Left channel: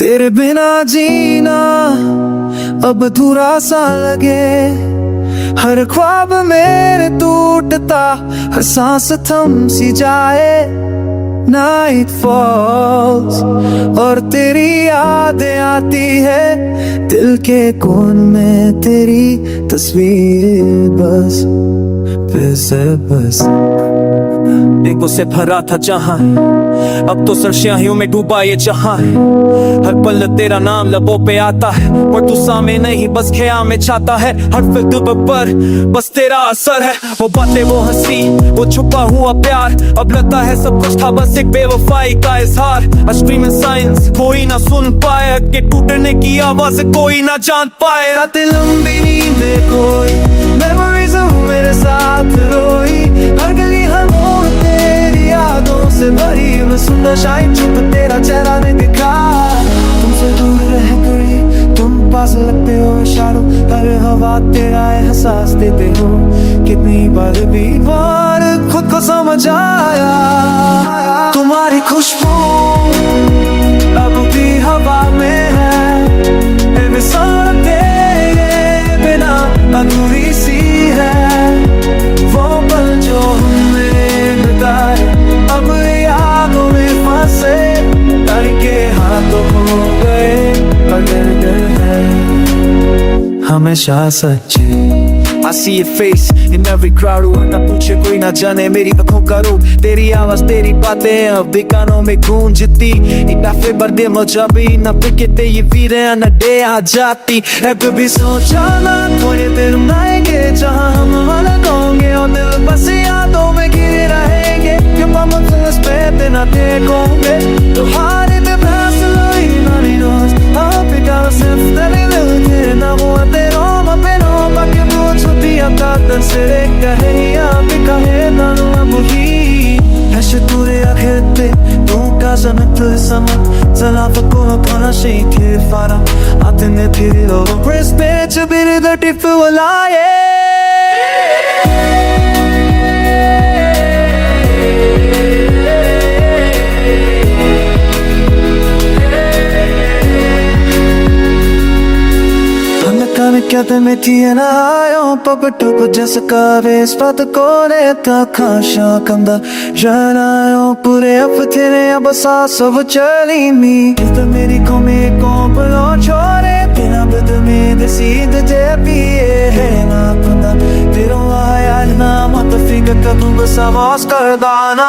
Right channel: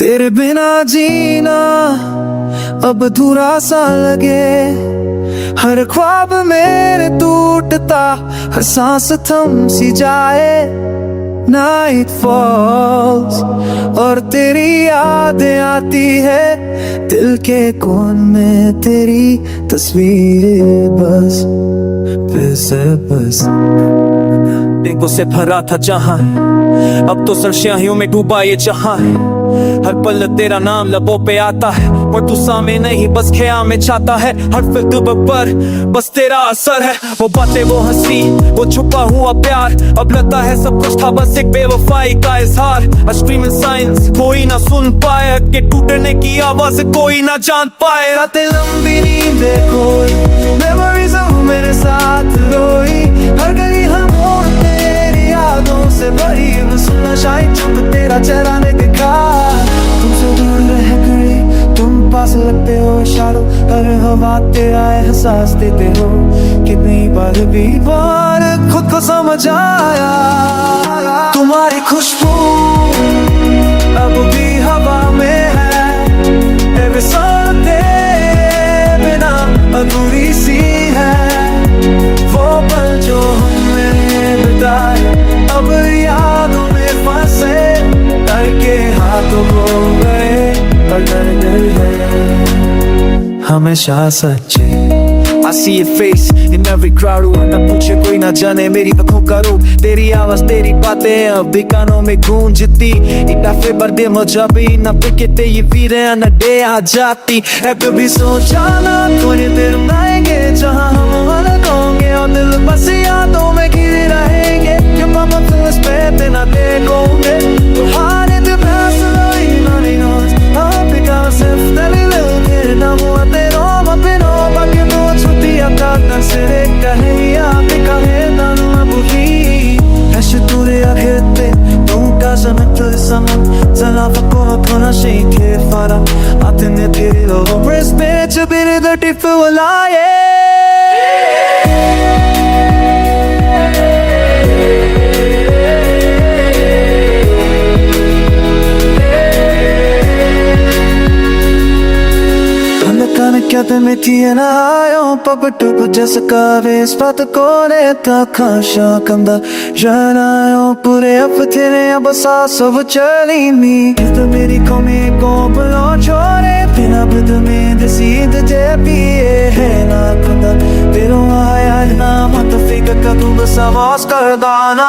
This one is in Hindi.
तेरे बिना जीना अब अधूरा सा लगे, हर ख्वाब मेरे टूटता, हर सांस थम सी जाए। नाइट फॉल्स और तेरी यादें आती है, दिल के कोन में तेरी तस्वीर बस फिर से बस। देखो से भरा था जहां, अब तो सरस्याहियों में डूबा ये जहां है। हर पल तेरा नाम लबों पे आता है, पर तू सामने नहीं बस ख्याल में छाता है। हर फिक्र पर बस तेरा असर है, वो बातें वो हंसी वो छुपा हुआ प्यार। अब लगता है सब कुछ था बस एक बेवफाई का इजहार। स्ट्रीम साइंस कोई ना सुन पाए, के टूटने की आवाज कोई ना जान पाए। रातें लंबी नींदे खोई, मेमोरीज मेरे साथ रोई। हर गली हर मोड़ तेरी यादों से भरी, सुनना शायद चुप तेरा चेहरा ने दिखा। तुमसे दूर रह गई तुम पास लगते हो, इशारों हर हवा तेरा एहसास देते हो। कितनी बार खुद को समझ आया, तुम्हारी खुशबू अब भी हवा में है। मिसाल तेरे बिना अधूरी सी है, वो पल जो हमने बिताए अब यादों में फंसे। करके हाथों हो गए पकड़ गए हैं हमेशा सच्चे। I see your face in every crowd, ना पूछे कोई ना जाने मेरी आंखों का रूप। तेरी आवाज तेरी बातें अब भी कानों में गूंजती। इताफे पर दे मुझे भी ना पिकते ये वीरे ना डे आ जाती है। कभी सोचा ना थोड़े दिन आएंगे जहां हम अलग होंगे, और दिल बस यादों में घिरे रहेंगे। जब हम उस पे ना देखोगे तो हारे ते फैसला ही ना knows I'll pick myself that I will get now what they all up in all back your boots with the attack se rekha hai ya pika hai tano abuhi ऐसे तुरे आखिरते तू का समझ समझ चला फको थोड़ा शेखे फारम आते ने तेरे लोगों breast bitch a bit of the tifu alaye। Kana kya me tiena ayo papatup jaska vespat kore ta khasha kanda janayo pure apthene abasa sab chali mi is the meri ko me ko blo chore tera bid me desid je piye hai na kanda tero aaya na mat fika ka tu bas awas kar dana।